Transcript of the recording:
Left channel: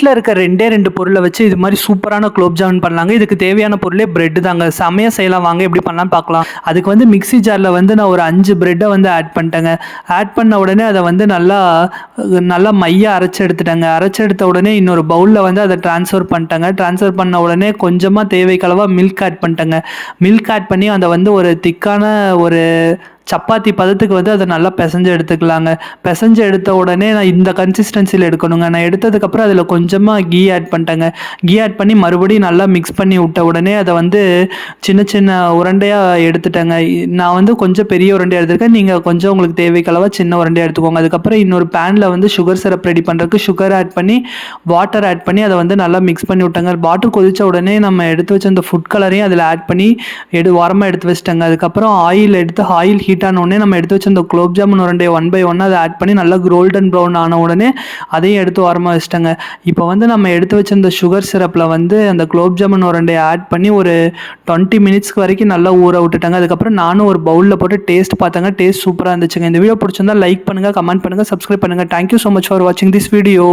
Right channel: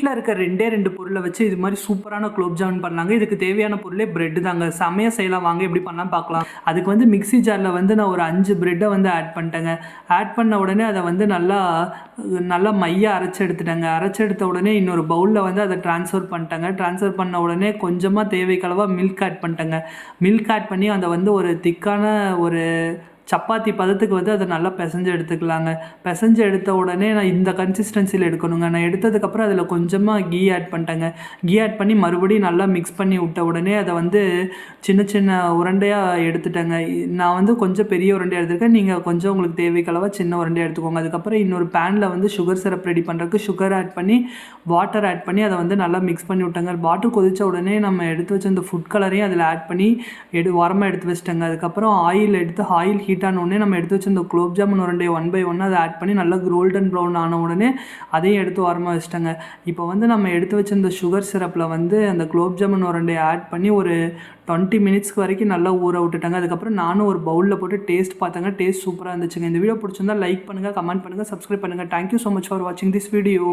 வீட்ல இருக்க 2 பொருள வச்சு இது மாரி சூப்பரான குலோப் ஜாமுன் பண்ணலாங்க. இதுக்கு தேவையான பொருளே பிரெட் தாங்க. செமையா செய்யலாம் வாங்க எப்படி பண்ணலான்னு பார்க்கலாம். அதுக்கு வந்து மிக்ஸி ஜார்ல வந்து நான் ஒரு 5 பிரெட்ட வந்து ஆட் பண்ணிட்டேங்க. ஆட் பண்ண உடனே அத வந்து நல்லா மையா அரைச்சு எடுத்துட்டேங்க. அரைச்சு எடுத்த உடனே இன்னொரு பவுல்ல வந்து அத ட்ரான்ஸ்ஃபர் பண்ணிட்டேங்க. ட்ரான்ஸ்ஃபர் பண்ண உடனே கொஞ்சமா தேவைக்கு அளவா மில்க் ஆட் பண்ணிட்டேங்க. மில்க் ஆட் பண்ணி அத வந்து ஒரு திக்கான ஒரு சப்பாத்தி பதத்துக்கு வந்து அத நல்லா பெசஞ்சு எடுத்துக்கலாங்க. பெசஞ்சு எடுத்த உடனே நான் இந்த கன்சிஸ்டன்சில எடுக்கணுங்க. நான் எடுத்ததுக்கப்புறம் அதில கொஞ்சமா கீ ஆட் பண்ணிட்டேங்க. கீ ஆட் பண்ணி மறுபடியும் நல்லா மிக்ஸ் பண்ணி விட்ட உடனே அத வந்து சின்ன சின்ன உருண்டையா எடுத்துட்டேங்க. நான் வந்து கொஞ்சம் பெரிய உருண்டையா எடுத்திருக்கேன். நீங்க கொஞ்சம் உங்களுக்கு தேவைக்கு அளவா சின்ன உருண்டையா எடுத்துக்கோங்க. அதுக்கப்புறம் இன்னொரு பேன்ல வந்து சுகர் சிரப் ரெடி பண்றதுக்கு சுகர் ஆட் பண்ணி, வாட்டர் ஆட் பண்ணி அத வந்து நல்லா மிக்ஸ் பண்ணி விட்டேங்க. வாட்டர் கொதிச்ச உடனே நம்ம எடுத்து வச்ச அந்த ஃபுட் கலரையும் அதில ஆட் பண்ணி ஓரமா எடுத்து வச்சுட்டேங்க. அதுக்கப்புறம் ஆயில் ஹீட் ஆன உடனே நம்ம எடுத்து வச்ச அந்த குலோப் ஜாமுன் உருண்டைய ஒன் பை ஒன்னா அத ஆட் பண்ணி நல்லா கோல்டன் ப்ரவுன் ஆன உடனே அதையும் எடுத்து ஓரமா வச்சுட்டேங்க. இப்போ வந்து நம்ம எடுத்து வச்ச அந்த சுகர் சிரப்ல வந்து அந்த குலோப் ஜாமுன் உருண்டைய ஆட் பண்ணி ஒரு 20 மினிட்ஸ்க்கு வரைக்கும் நல்லா ஊற விட்டுட்டேங்க. அதுக்கப்புறம் நானும் ஒரு பவுல்ல போட்டு டேஸ்ட் பார்த்தேங்க. டேஸ்ட் சூப்பரா இருந்துச்சுங்க. இந்த வீடியோ பிடிச்சிருந்தா லைக் பண்ணுங்க, கமெண்ட் பண்ணுங்க, சப்ஸ்கிரைப் பண்ணுங்க. Thank you so much for watching this video.